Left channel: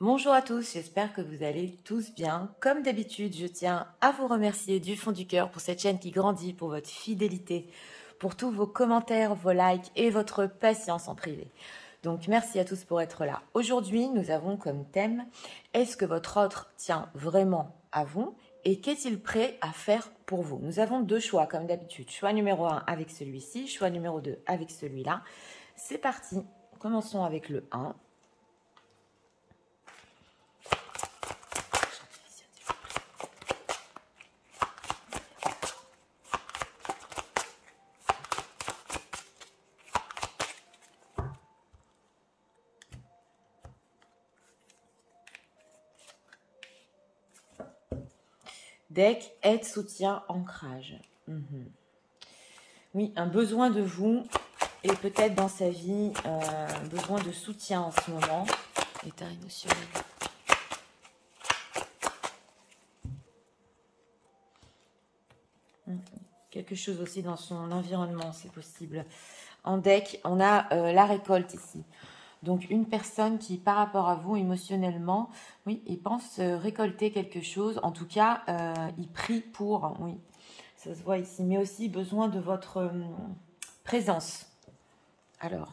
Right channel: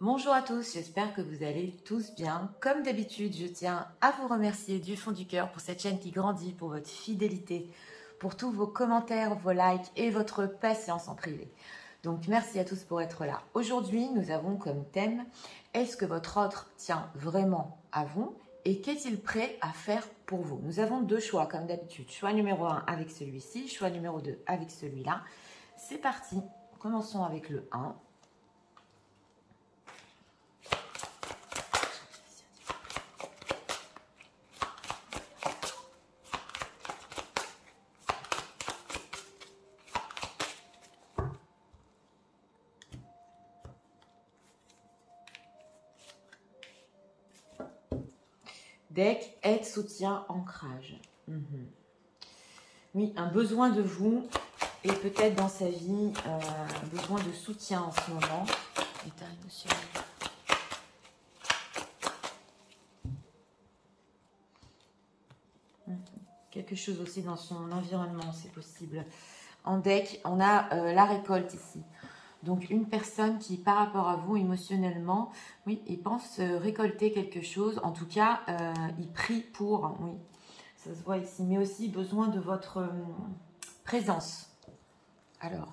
Bonjour à tous, j'espère que vous allez tous bien. Comme d'habitude, je tiens à vous remercier du fond du cœur pour cette chaîne qui grandit, pour votre fidélité, pour tous vos commentaires, vos likes et votre patience en privé. Donc merci à tous pour être là. Aujourd'hui, nous avons comme thème « Est-ce que votre autre tient vraiment à vous et qu'est-il prêt à faire pour vous ?» Nous avons deux choix comme d'habitude. Choix numéro 1 avec celui-ci, choix numéro 2 avec celui-là. C'est parti, commençons avec le 1. Deck, aide, soutien, ancrage. Oui, un besoin de vous et peut-être dans sa vie, un besoin de soutien en ce moment. État émotionnel. Quelque chose aussi dans son environnement, c'est possible. En deck, on a la récolte ici. Donc, une personne qui, par rapport à vous, émotionnellement, oui, il pense récolter quelque chose. En tout cas, il prie pour, oui, ça se voit ici. Mais aussi besoin de votre présence. Alors,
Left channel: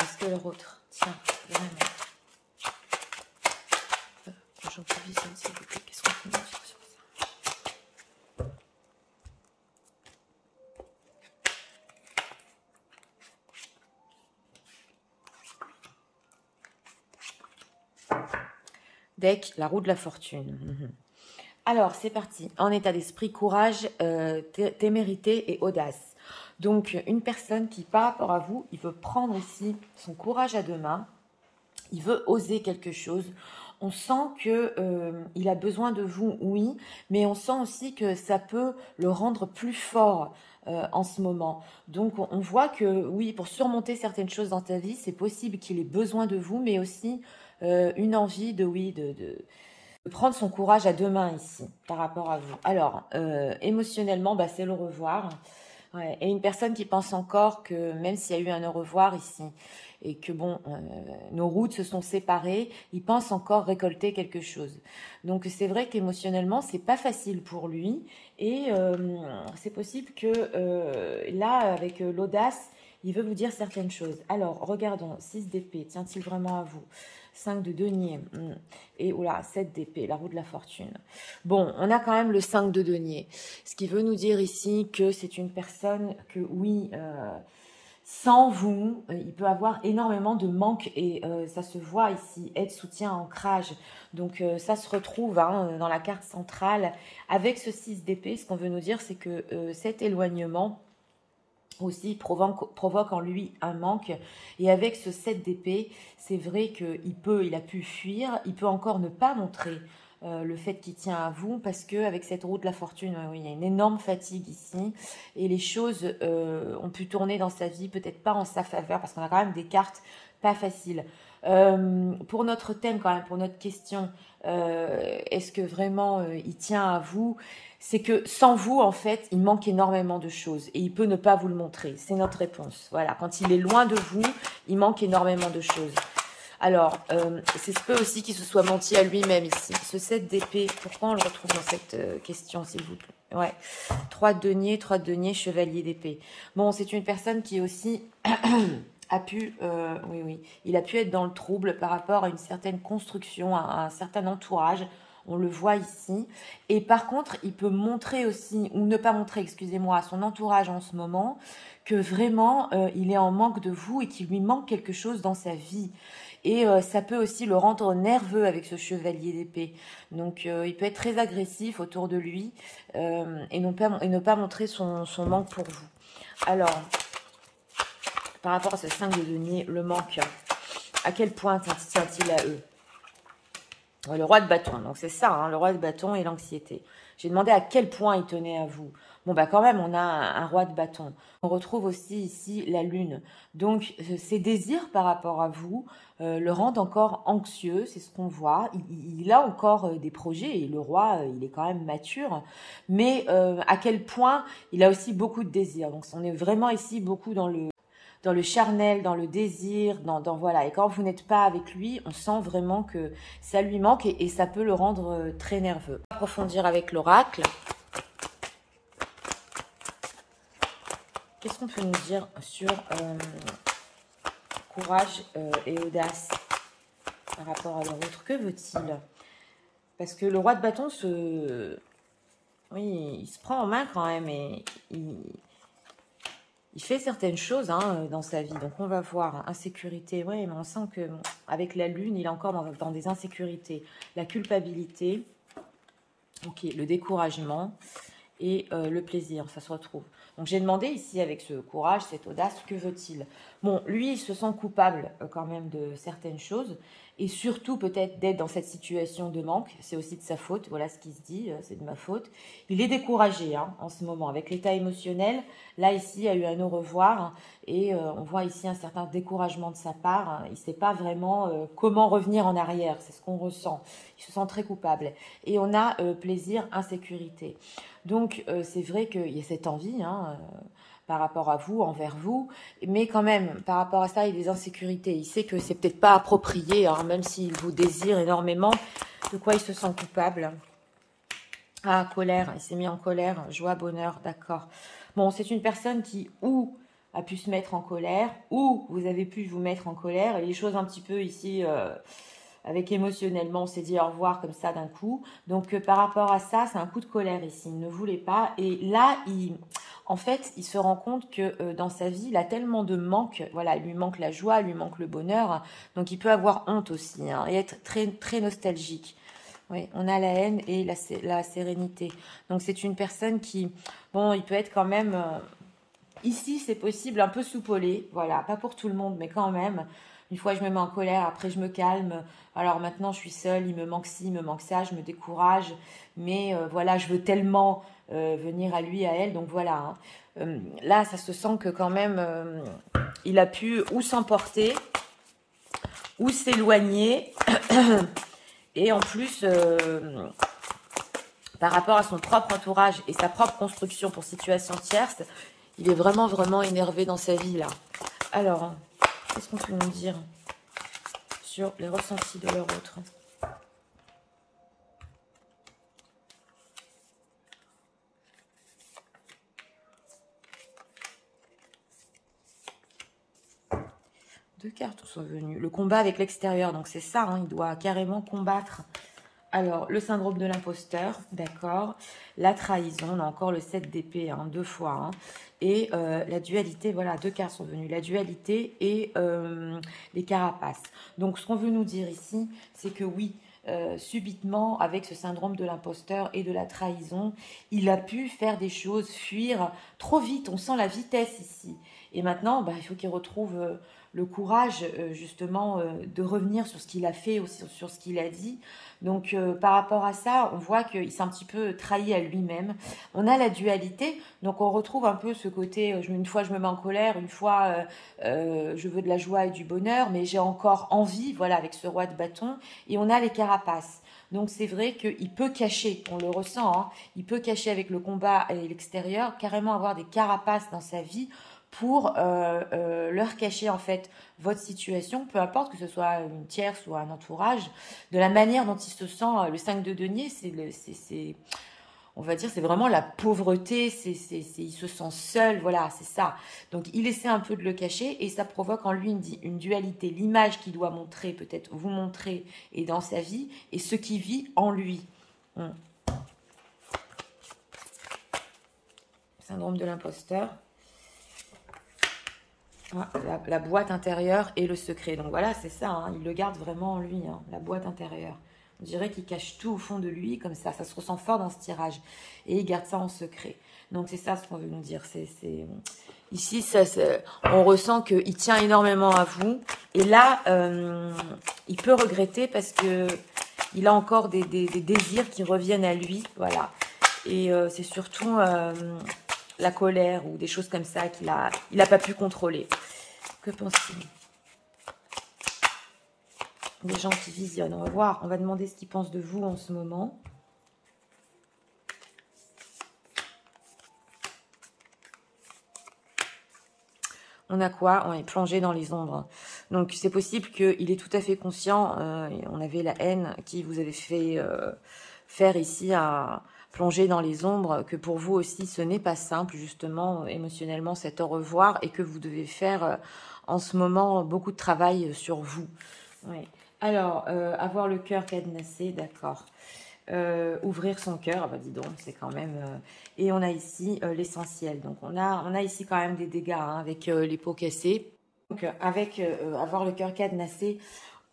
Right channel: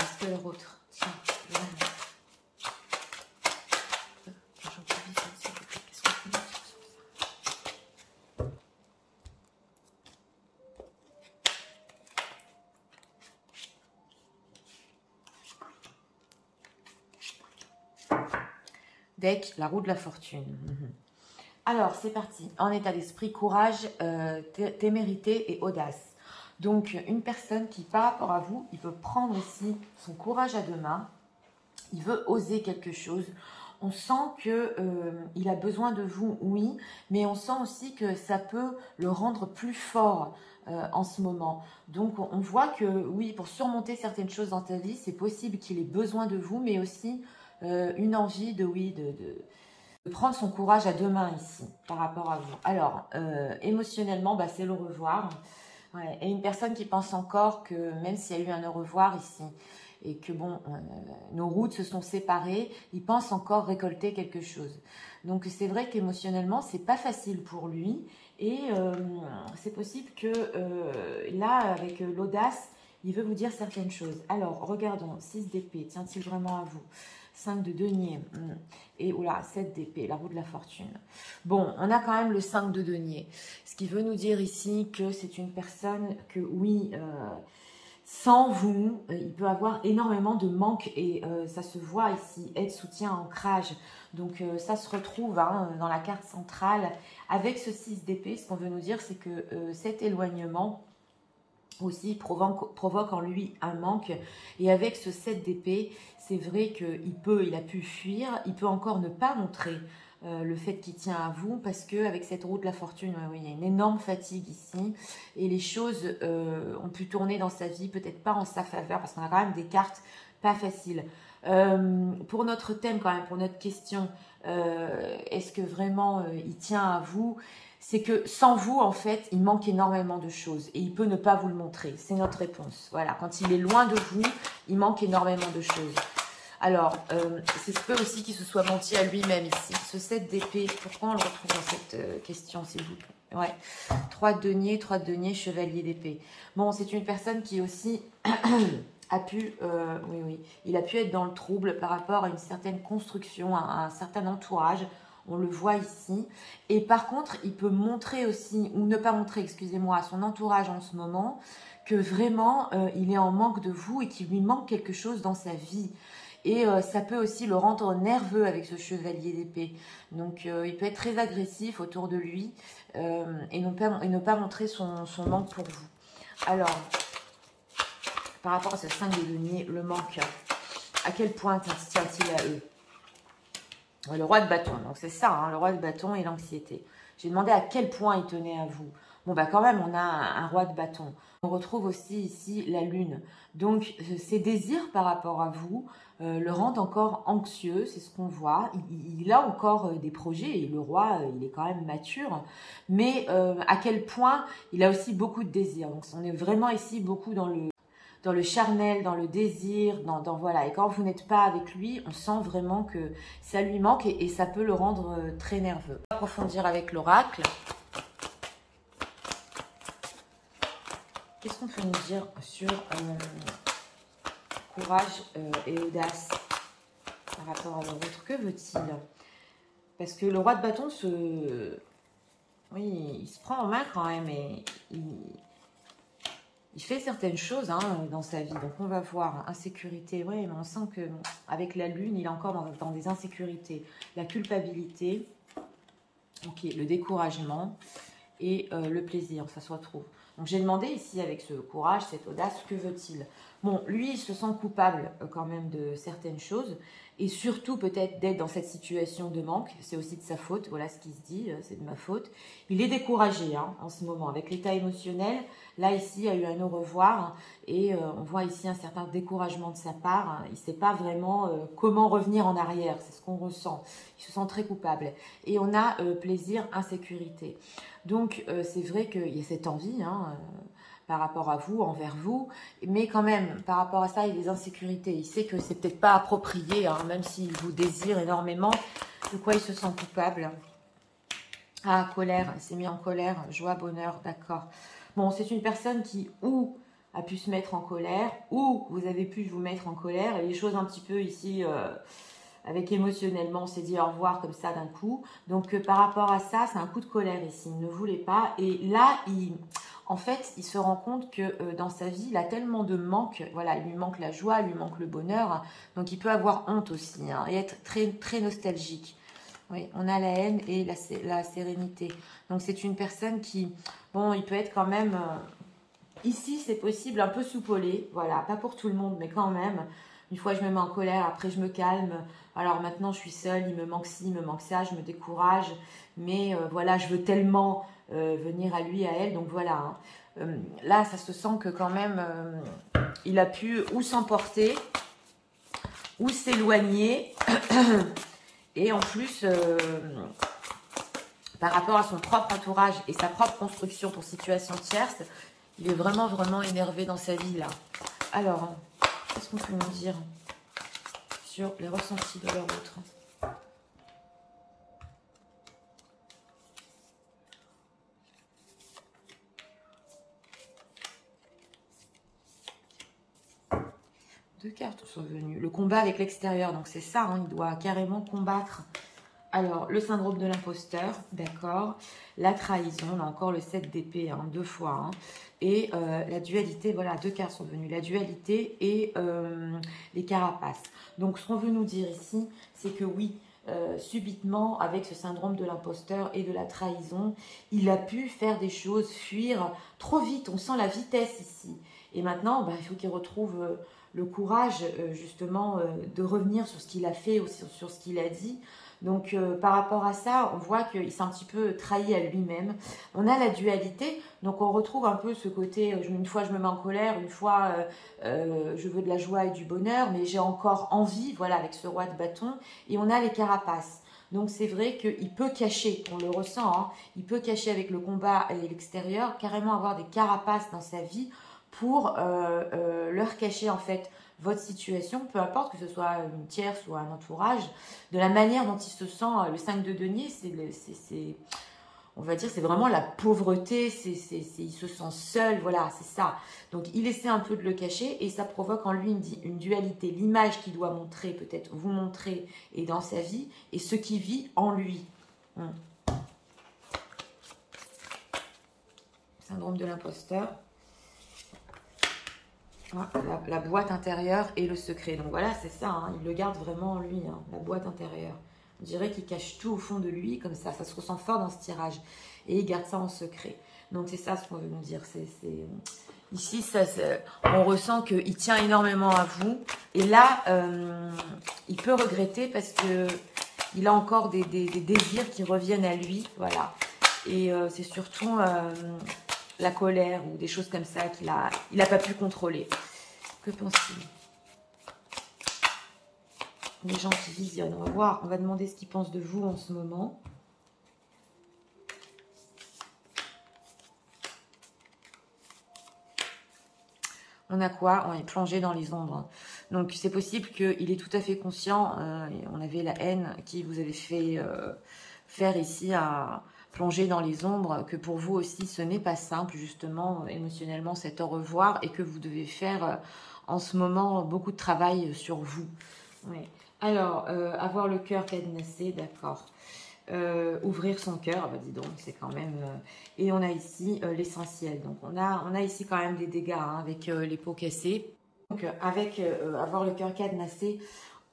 est-ce que leur autre tient vraiment aujourd'hui, s'il vous plaît, qu'est-ce qu'on peut dire sur ça? Deck, la roue de la fortune. Alors, c'est parti. En état d'esprit, courage, témérité et audace. Donc, une personne qui, par rapport à vous, il veut prendre aussi son courage à deux mains. Il veut oser quelque chose. On sent qu'il a besoin de vous, oui, mais on sent aussi que ça peut le rendre plus fort en ce moment. Donc, on voit que, oui, pour surmonter certaines choses dans ta vie, c'est possible qu'il ait besoin de vous, mais aussi une envie de prendre son courage à deux mains ici, par rapport à vous. Alors, émotionnellement, bah, c'est le revoir. Ouais. Et une personne qui pense encore que même s'il y a eu un au revoir ici, et que bon, nos routes se sont séparées, il pense encore récolter quelque chose. Donc c'est vrai qu'émotionnellement, c'est pas facile pour lui. Et c'est possible que là, avec l'audace, il veut vous dire certaines choses. Alors, regardons, 6 d'épée, tient-il vraiment à vous? 5 de denier, et oula, 7 d'épée, la roue de la fortune. Bon, on a quand même le 5 de denier, ce qui veut nous dire ici que c'est une personne que, oui, sans vous, il peut avoir énormément de manque et ça se voit ici, aide, soutien, ancrage. Donc ça se retrouve dans la carte centrale avec ce 6 d'épée. Ce qu'on veut nous dire, c'est que cet éloignement aussi provoque en lui un manque. Et avec ce 7 d'épée, c'est vrai qu'il a pu fuir, il peut encore ne pas montrer le fait qu'il tient à vous, parce qu'avec cette roue de la fortune, oui, il y a une énorme fatigue ici, et les choses ont pu tourner dans sa vie, peut-être pas en sa faveur, parce qu'on a quand même des cartes pas faciles. Pour notre thème quand même, pour notre question, est-ce que vraiment il tient à vous? C'est que sans vous, en fait, il manque énormément de choses et il peut ne pas vous le montrer. C'est notre réponse. Voilà, quand il est loin de vous, il manque énormément de choses. Alors, c'est ce peut aussi qu'il se soit menti à lui-même ici. Ce 7 d'épée, pourquoi on le retrouve dans cette question, s'il vous plaît? Ouais, 3 de denier, chevalier d'épée. Bon, c'est une personne qui aussi a pu, oui, il a pu être dans le trouble par rapport à une certaine construction, à un certain entourage. On le voit ici. Et par contre, il peut montrer aussi, ou ne pas montrer, excusez-moi, à son entourage en ce moment, que vraiment, il est en manque de vous et qu'il lui manque quelque chose dans sa vie. Et ça peut aussi le rendre nerveux avec ce chevalier d'épée. Donc, il peut être très agressif autour de lui et ne pas montrer son manque pour vous. Alors, par rapport à ce 5 de denier, le manque, à quel point tient-il à eux? Le roi de bâton, donc c'est ça, hein, le roi de bâton et l'anxiété. J'ai demandé à quel point il tenait à vous. Bon, bah quand même, on a un roi de bâton. On retrouve aussi ici la lune. Donc, ses désirs par rapport à vous le rendent encore anxieux, c'est ce qu'on voit. Il a encore des projets et le roi, il est quand même mature. Mais à quel point il a aussi beaucoup de désirs. Donc, on est vraiment ici beaucoup dans dans le charnel, dans le désir, voilà. Et quand vous n'êtes pas avec lui, on sent vraiment que ça lui manque et ça peut le rendre très nerveux. On va approfondir avec l'oracle. Qu'est-ce qu'on peut nous dire sur courage et audace par rapport à l'autre? Que veut-il? Parce que le roi de bâton oui, il se prend en main quand même et il fait certaines choses dans sa vie. Donc on va voir, insécurité. Oui, mais on sent que avec la lune, il est encore dans des insécurités. La culpabilité, ok, le découragement et le plaisir, ça se retrouve. Donc j'ai demandé ici avec ce courage, cette audace, que veut-il? Bon, lui, il se sent coupable quand même de certaines choses et surtout peut-être d'être dans cette situation de manque. C'est aussi de sa faute, voilà ce qu'il se dit, c'est de ma faute. Il est découragé en ce moment avec l'état émotionnel. Là, ici, il y a eu un au revoir et on voit ici un certain découragement de sa part. Il ne sait pas vraiment comment revenir en arrière, c'est ce qu'on ressent. Il se sent très coupable. Et on a plaisir, insécurité. Donc, c'est vrai qu'il y a cette envie par rapport à vous, envers vous, mais quand même, par rapport à ça, il y a des insécurités. Il sait que c'est peut-être pas approprié, même s'il vous désire énormément, de quoi il se sent coupable. Ah, colère, il s'est mis en colère, joie, bonheur, d'accord. Bon, c'est une personne qui, ou a pu se mettre en colère, ou vous avez pu vous mettre en colère, et les choses un petit peu ici... avec émotionnellement, on s'est dit au revoir comme ça d'un coup. Donc, par rapport à ça, c'est un coup de colère ici. Il ne voulait pas. Et là, en fait, il se rend compte que dans sa vie, il a tellement de manque. Voilà, il lui manque la joie, il lui manque le bonheur. Donc, il peut avoir honte aussi et être très, très nostalgique. Oui, on a la haine et la sérénité. Donc, c'est une personne qui, bon, il peut être quand même... ici, c'est possible, un peu soupolé. Voilà, pas pour tout le monde, mais quand même... Une fois, je me mets en colère, après, je me calme. Alors maintenant, je suis seule, il me manque ci, il me manque ça, je me décourage. Mais voilà, je veux tellement venir à lui, à elle. Donc voilà. Là, ça se sent que quand même, il a pu ou s'emporter, ou s'éloigner. Et en plus, par rapport à son propre entourage et sa propre construction pour situation tierce, il est vraiment, vraiment énervé dans sa vie, là. Alors... qu'est-ce qu'on peut nous dire sur les ressentis de leur autre? Deux cartes sont venues. Le combat avec l'extérieur, donc c'est ça, il doit carrément combattre. Alors, le syndrome de l'imposteur, d'accord. La trahison, on a encore le 7 d'épée, deux fois. Et la dualité, voilà, deux cartes sont venues. La dualité et les carapaces. Donc, ce qu'on veut nous dire ici, c'est que oui, subitement, avec ce syndrome de l'imposteur et de la trahison, il a pu faire des choses, fuir trop vite. On sent la vitesse ici. Et maintenant, il faut qu'il retrouve le courage, justement, de revenir sur ce qu'il a fait, ou sur ce qu'il a dit. Donc, par rapport à ça, on voit qu'il s'est un petit peu trahi à lui-même. On a la dualité, donc on retrouve un peu ce côté, une fois je me mets en colère, une fois je veux de la joie et du bonheur, mais j'ai encore envie, voilà, avec ce roi de bâton. Et on a les carapaces. Donc, c'est vrai qu'il peut cacher, on le ressent, il peut cacher avec le combat et l'extérieur, carrément avoir des carapaces dans sa vie pour leur cacher, en fait, votre situation, peu importe que ce soit une tierce ou un entourage, de la manière dont il se sent. Le 5 de denier, on va dire, c'est vraiment la pauvreté, il se sent seul, voilà, c'est ça. Donc, il essaie un peu de le cacher et ça provoque en lui une dualité, l'image qu'il doit montrer, peut-être vous montrer, et dans sa vie, et ce qui vit en lui. Syndrome de l'imposteur. La boîte intérieure et le secret. Donc voilà, c'est ça, il le garde vraiment en lui, la boîte intérieure. On dirait qu'il cache tout au fond de lui, comme ça se ressent fort dans ce tirage. Et il garde ça en secret. Donc c'est ça ce qu'on veut nous dire. Ici, on ressent qu'il tient énormément à vous. Et là, il peut regretter parce que il a encore des désirs qui reviennent à lui. Voilà. Et c'est surtout... la colère ou des choses comme ça qu'il n'a pas pu contrôler. Que pense-t-il? Les gens qui visionnent, on va voir, on va demander ce qu'ils pensent de vous en ce moment. On a quoi? On est plongé dans les ombres. Donc, c'est possible qu'il est tout à fait conscient. On avait la haine qui vous avait fait faire ici à plonger dans les ombres, que pour vous aussi, ce n'est pas simple, justement, émotionnellement, cet au revoir, et que vous devez faire en ce moment beaucoup de travail sur vous. Oui. Alors, avoir le cœur cadenassé, d'accord. Ouvrir son cœur, bah dis donc, c'est quand même... et on a ici l'essentiel. Donc, on a ici quand même des dégâts hein, avec les peaux cassées. Donc, avec avoir le cœur cadenassé,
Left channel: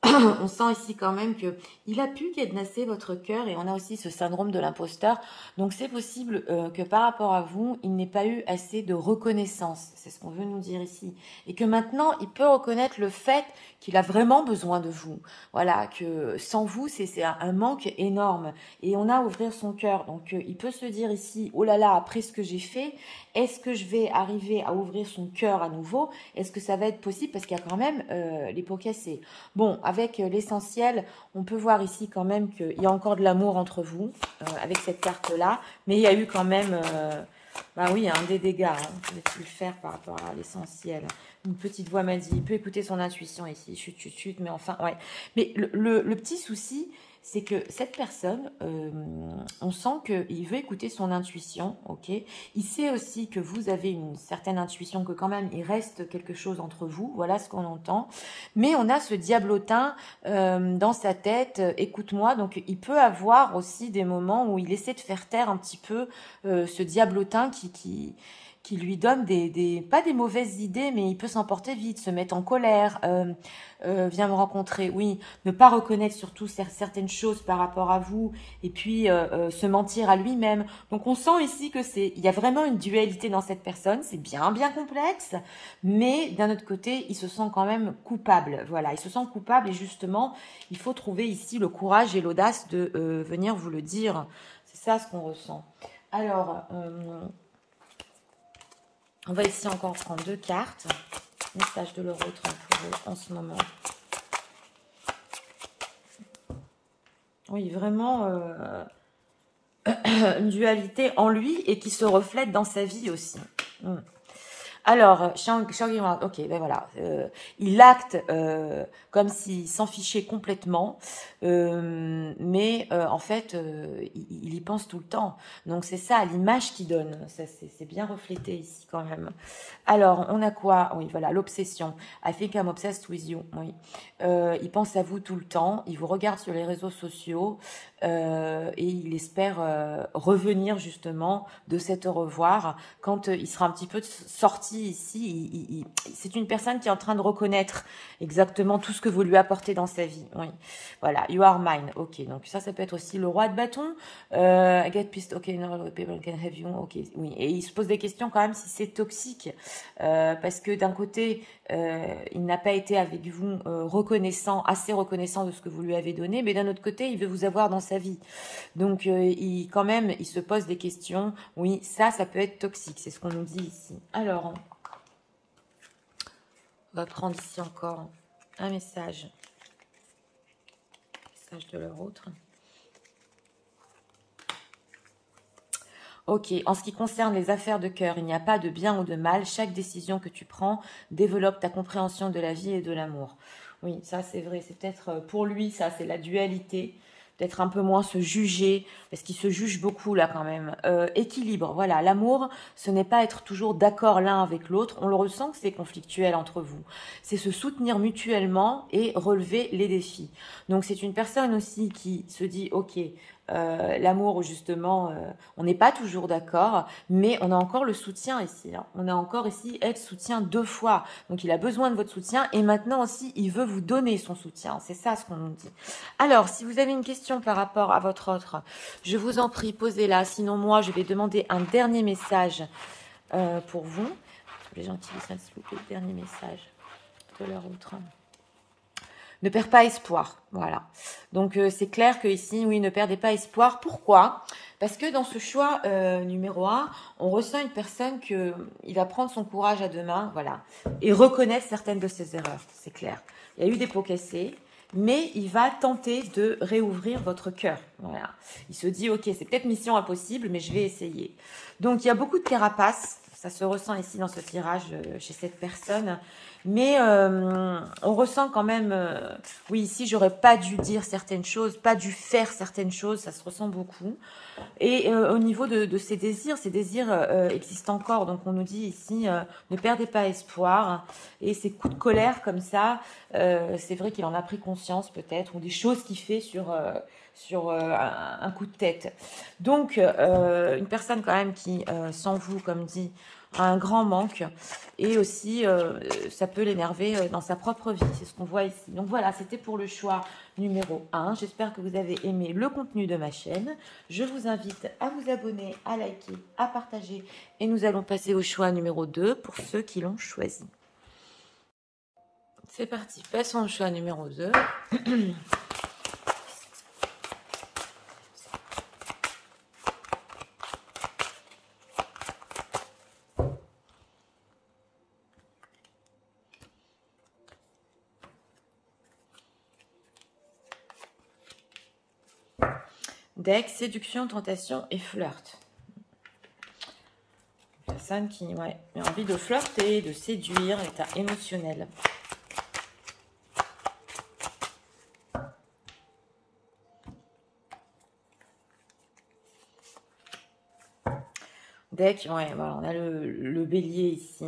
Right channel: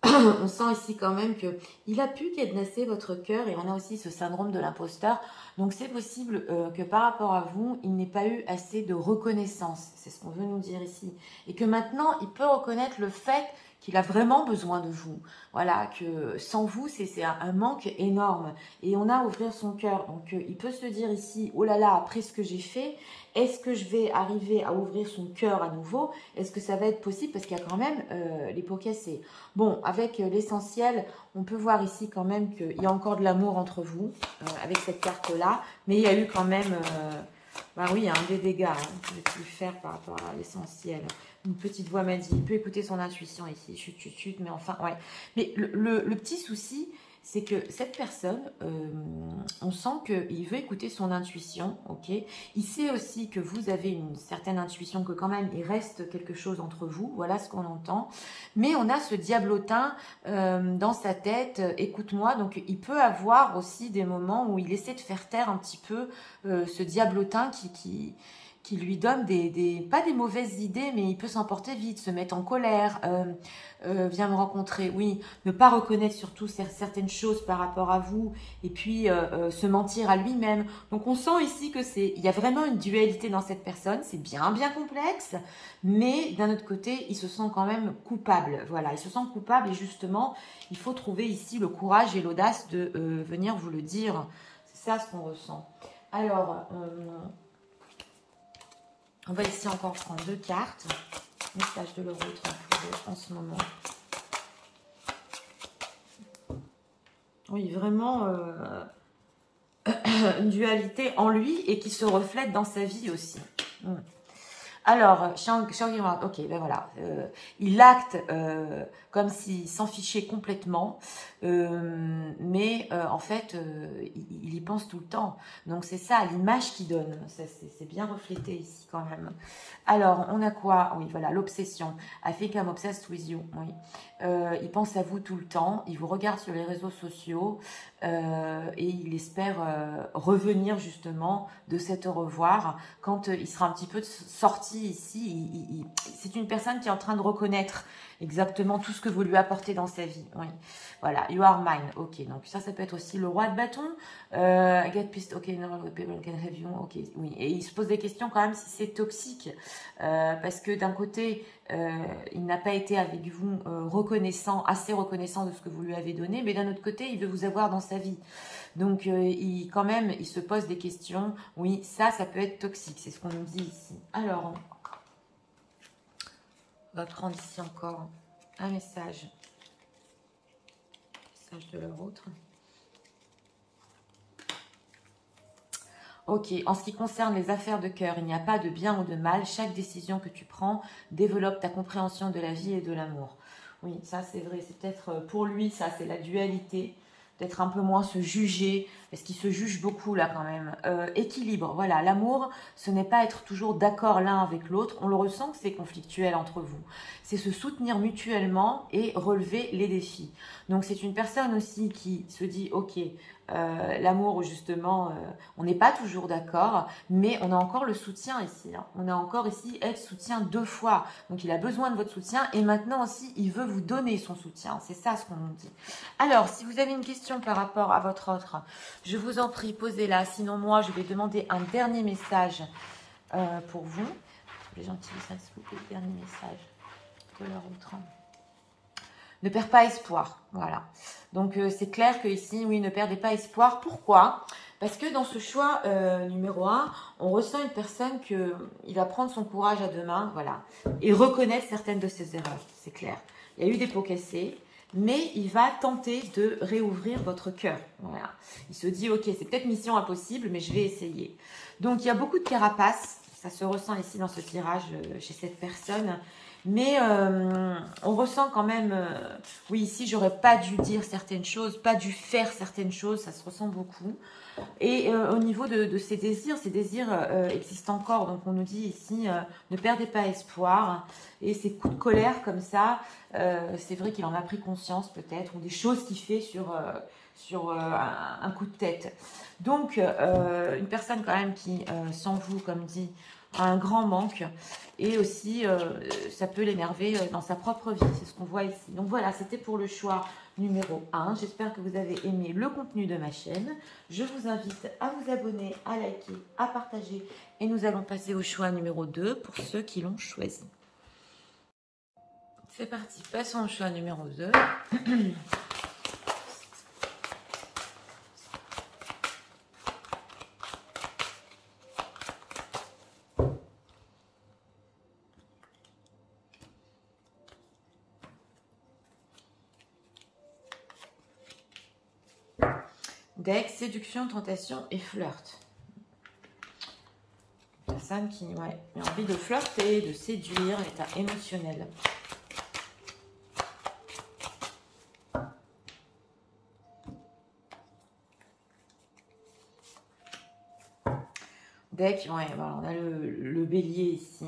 on sent ici quand même que il a pu cadenasser votre cœur et on a aussi ce syndrome de l'imposteur. Donc, c'est possible que par rapport à vous, il n'ait pas eu assez de reconnaissance. C'est ce qu'on veut nous dire ici. Et que maintenant, il peut reconnaître le fait qu'il a vraiment besoin de vous. Voilà, que sans vous, c'est un manque énorme. Et on a à ouvrir son cœur. Donc, il peut se dire ici, oh là là, après ce que j'ai fait, est-ce que je vais arriver à ouvrir son cœur à nouveau? Est-ce que ça va être possible? Parce qu'il y a quand même les peaux cassées. Bon, avec l'essentiel, on peut voir ici quand même qu'il y a encore de l'amour entre vous, avec cette carte-là. Mais il y a eu quand même... bah oui, hein, des dégâts, hein. Vous pouvez le faire par rapport à l'essentiel. Une petite voix m'a dit, il peut écouter son intuition ici, chut, chut, chut, mais enfin, ouais. Mais le petit souci, c'est que cette personne, on sent qu'il veut écouter son intuition, ok. Il sait aussi que vous avez une certaine intuition, que quand même, il reste quelque chose entre vous, voilà ce qu'on entend. Mais on a ce diablotin dans sa tête, écoute-moi, donc il peut avoir aussi des moments où il essaie de faire taire un petit peu ce diablotin qui lui donne pas des mauvaises idées, mais il peut s'emporter vite, se mettre en colère, vient me rencontrer, oui, ne pas reconnaître surtout certaines choses par rapport à vous, et puis se mentir à lui-même. Donc on sent ici que il y a vraiment une dualité dans cette personne, c'est bien complexe, mais d'un autre côté, il se sent quand même coupable. Voilà, il se sent coupable et justement, il faut trouver ici le courage et l'audace de venir vous le dire. C'est ça ce qu'on ressent. Alors... on va ici encore prendre 2 cartes. Message de leur autre pour eux en ce moment. Oui, vraiment une dualité en lui et qui se reflète dans sa vie aussi. Alors, Shangri-La, ok, ben voilà. Il acte comme s'il s'en fichait complètement, mais en fait, il y pense tout le temps. Donc, c'est ça, l'image qu'il donne. C'est bien reflété ici quand même. Alors, on a quoi? Oui, voilà, l'obsession. I think I'm obsessed with you. Oui. Il pense à vous tout le temps. Il vous regarde sur les réseaux sociaux et il espère revenir justement de cet au revoir quand il sera un petit peu sorti ici. C'est une personne qui est en train de reconnaître exactement tout ce que vous lui apportez dans sa vie. Oui. Voilà, you are mine. Ok, donc ça peut être aussi le roi de bâton. I get pissed. Ok, no, people can have you. Ok, oui. Et il se pose des questions quand même si c'est toxique. Parce que d'un côté, il n'a pas été avec vous assez reconnaissant de ce que vous lui avez donné, mais d'un autre côté, il veut vous avoir dans sa vie. Donc, il se pose des questions. Oui, ça peut être toxique, c'est ce qu'on nous dit ici. Alors, on va prendre ici encore un message. Message de leur autre. Ok, en ce qui concerne les affaires de cœur, il n'y a pas de bien ou de mal. Chaque décision que tu prends développe ta compréhension de la vie et de l'amour. Oui, ça c'est vrai. C'est peut-être pour lui, ça c'est la dualité. Peut-être un peu moins se juger, parce qu'il se juge beaucoup là quand même. Équilibre, voilà, l'amour, ce n'est pas être toujours d'accord l'un avec l'autre. On le ressent que c'est conflictuel entre vous. C'est se soutenir mutuellement et relever les défis. Donc c'est une personne aussi qui se dit, ok, l'amour justement, on n'est pas toujours d'accord, mais on a encore le soutien ici. Hein. On a encore ici être soutien 2 fois. Donc il a besoin de votre soutien et maintenant aussi il veut vous donner son soutien. C'est ça ce qu'on nous dit. Alors si vous avez une question par rapport à votre autre, je vous en prie, posez-la. Sinon moi je vais demander un dernier message pour vous. Les gens qui disent s'il vous plaît, le dernier message de leur autre. Ne perds pas espoir, voilà. Donc, c'est clair que ici, oui, ne perdez pas espoir. Pourquoi? Parce que dans ce choix numéro 1, on ressent une personne il va prendre son courage à 2 mains, voilà, et reconnaître certaines de ses erreurs, c'est clair. Il y a eu des pots cassés, mais il va tenter de réouvrir votre cœur, voilà. Il se dit, ok, c'est peut-être mission impossible, mais je vais essayer. Donc, il y a beaucoup de carapace. ça se ressent ici dans ce tirage chez cette personne. Mais on ressent quand même, oui, ici, j'aurais pas dû dire certaines choses, pas dû faire certaines choses, ça se ressent beaucoup. Et au niveau de ces désirs existent encore. Donc, on nous dit ici, ne perdez pas espoir. Et ces coups de colère comme ça, c'est vrai qu'il en a pris conscience peut-être, ou des choses qu'il fait sur un coup de tête. Donc, une personne quand même qui, sans vous, comme dit, a un grand manque, et aussi ça peut l'énerver dans sa propre vie, c'est ce qu'on voit ici. Donc voilà, c'était pour le choix numéro 1. J'espère que vous avez aimé le contenu de ma chaîne. Je vous invite à vous abonner, à liker, à partager, et nous allons passer au choix numéro 2 pour ceux qui l'ont choisi. C'est parti, passons au choix numéro 2. Deck, séduction, tentation et flirt. Une personne qui a envie de flirter, de séduire, état émotionnel. Deck, voilà, on a le bélier ici,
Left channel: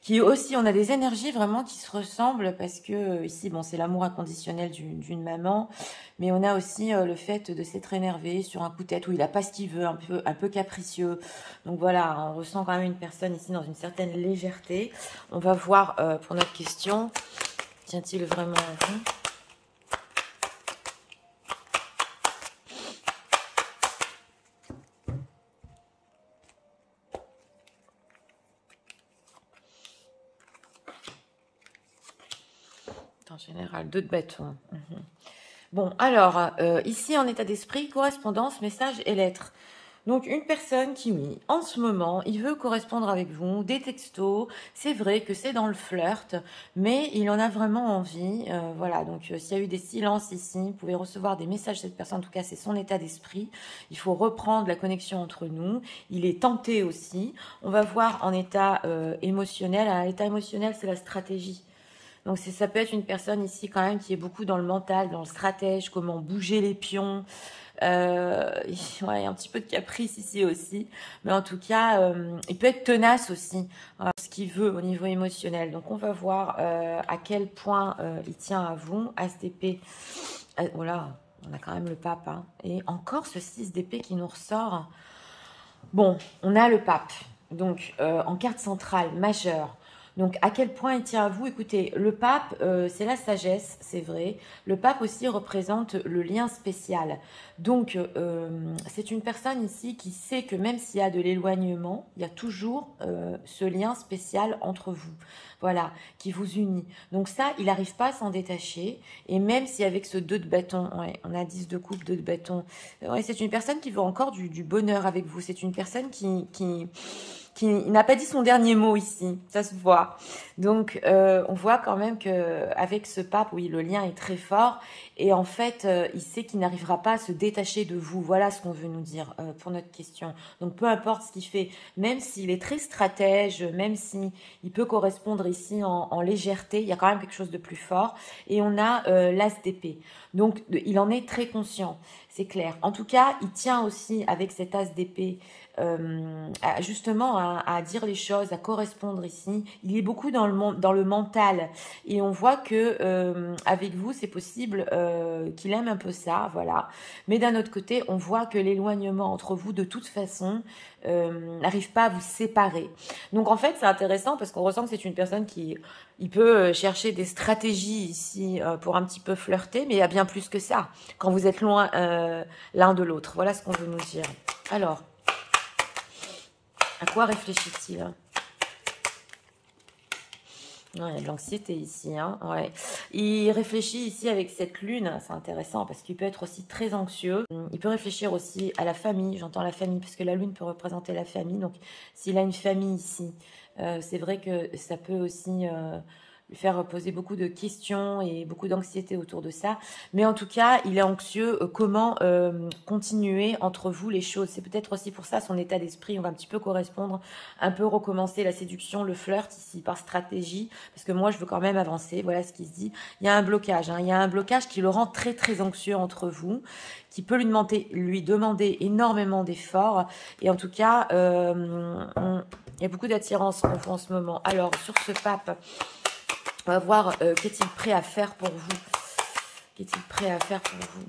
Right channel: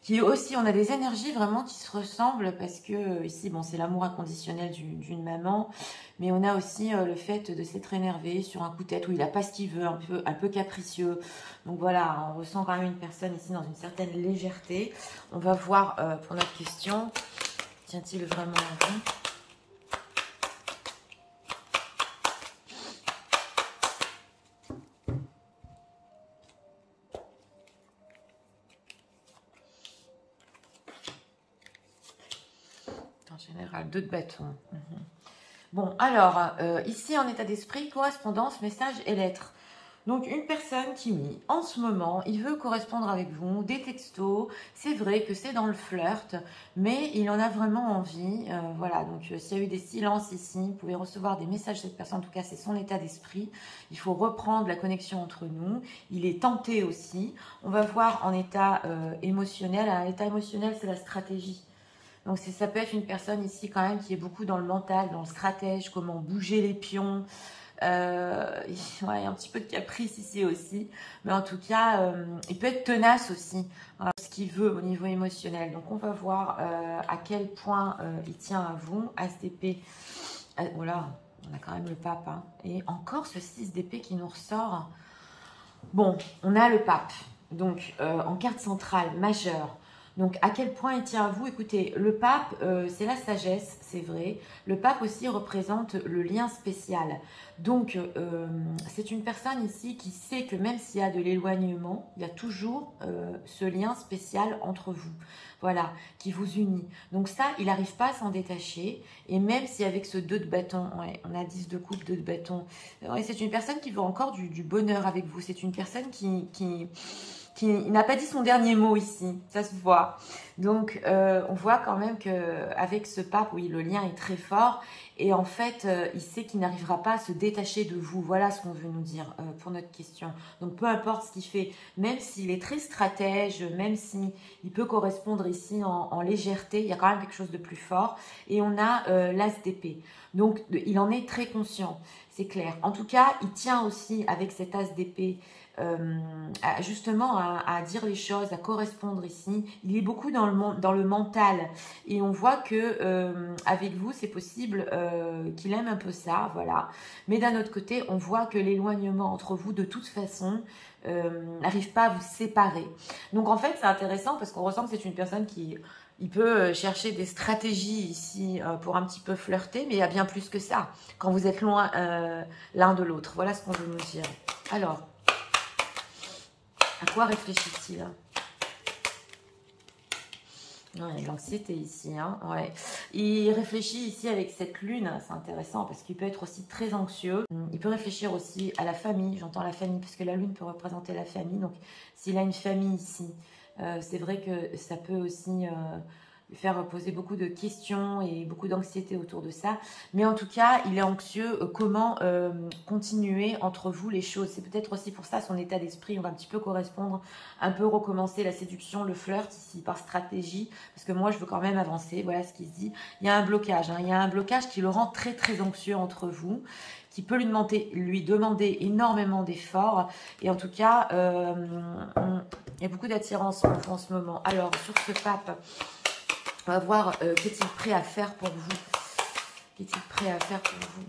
qui aussi, on a des énergies vraiment qui se ressemblent parce que ici, bon, c'est l'amour inconditionnel d'une maman, mais on a aussi le fait de s'être énervé sur un coup de tête où il n'a pas ce qu'il veut, un peu capricieux. Donc voilà, on ressent quand même une personne ici dans une certaine légèreté. On va voir pour notre question, tient-il vraiment à vous ? En général, 2 de bâton. Bon, alors, ici, en état d'esprit, correspondance, message et lettres. Donc, une personne qui, oui, en ce moment, il veut correspondre avec vous, des textos, c'est vrai que c'est dans le flirt, mais il en a vraiment envie. Voilà, donc s'il y a eu des silences ici, vous pouvez recevoir des messages de cette personne, en tout cas, c'est son état d'esprit. Il faut reprendre la connexion entre nous. Il est tenté aussi. On va voir en état émotionnel. Un état émotionnel, c'est la stratégie. Donc, ça peut être une personne ici quand même qui est beaucoup dans le mental, dans le stratège, comment bouger les pions. Il y a un petit peu de caprice ici aussi. Mais en tout cas, il peut être tenace aussi, ce qu'il veut au niveau émotionnel. Donc, on va voir à quel point il tient à vous. As d'épée. Voilà, on a quand même le pape. Hein. Et encore ce 6 d'épée qui nous ressort. Bon, on a le pape. Donc, en carte centrale, majeure. Donc, à quel point il tient à vous? Écoutez, le pape, c'est la sagesse, c'est vrai. Le pape aussi représente le lien spécial. Donc, c'est une personne ici qui sait que même s'il y a de l'éloignement, il y a toujours ce lien spécial entre vous. Voilà, qui vous unit. Donc ça, il n'arrive pas à s'en détacher. Et même si avec ce 2 de bâton, on a 10 de coupe, 2 de bâton, c'est une personne qui veut encore du bonheur avec vous. C'est une personne qui n'a pas dit son dernier mot ici, ça se voit. Donc, on voit quand même qu'avec ce pape, oui, le lien est très fort. Et en fait, il sait qu'il n'arrivera pas à se détacher de vous. Voilà ce qu'on veut nous dire pour notre question. Donc, peu importe ce qu'il fait, même s'il est très stratège, même s'il peut correspondre ici en légèreté, il y a quand même quelque chose de plus fort. Et on a l'as d'épée. Donc, il en est très conscient, c'est clair. En tout cas, il tient aussi avec cet as d'épée justement à dire les choses, à correspondre ici. Il est beaucoup dans le mental et on voit que avec vous c'est possible qu'il aime un peu ça, voilà. Mais d'un autre côté, on voit que l'éloignement entre vous de toute façon n'arrive pas à vous séparer. Donc en fait c'est intéressant parce qu'on ressent que c'est une personne qui il peut chercher des stratégies ici pour un petit peu flirter, mais il y a bien plus que ça quand vous êtes loin l'un de l'autre. Voilà ce qu'on veut nous dire. Alors, à quoi réfléchit-il? Il y a de l'anxiété ici. Hein, ouais. Il réfléchit ici avec cette lune. C'est intéressant parce qu'il peut être aussi très anxieux. Il peut réfléchir aussi à la famille. J'entends la famille parce que la lune peut représenter la famille. Donc, s'il a une famille ici, c'est vrai que ça peut aussi faire poser beaucoup de questions et beaucoup d'anxiété autour de ça. Mais en tout cas, il est anxieux. Comment continuer entre vous les choses? C'est peut-être aussi pour ça son état d'esprit. On va un petit peu correspondre, un peu recommencer la séduction, le flirt ici par stratégie. Parce que moi, je veux quand même avancer. Voilà ce qu'il se dit. Il y a un blocage. Il y a un blocage qui le rend très, très anxieux entre vous, qui peut lui demander énormément d'efforts. Et en tout cas, il y a beaucoup d'attirance en ce moment. Alors, sur ce pape, on va voir qu'est-il prêt à faire pour vous. Qu'est-il prêt à faire pour vous?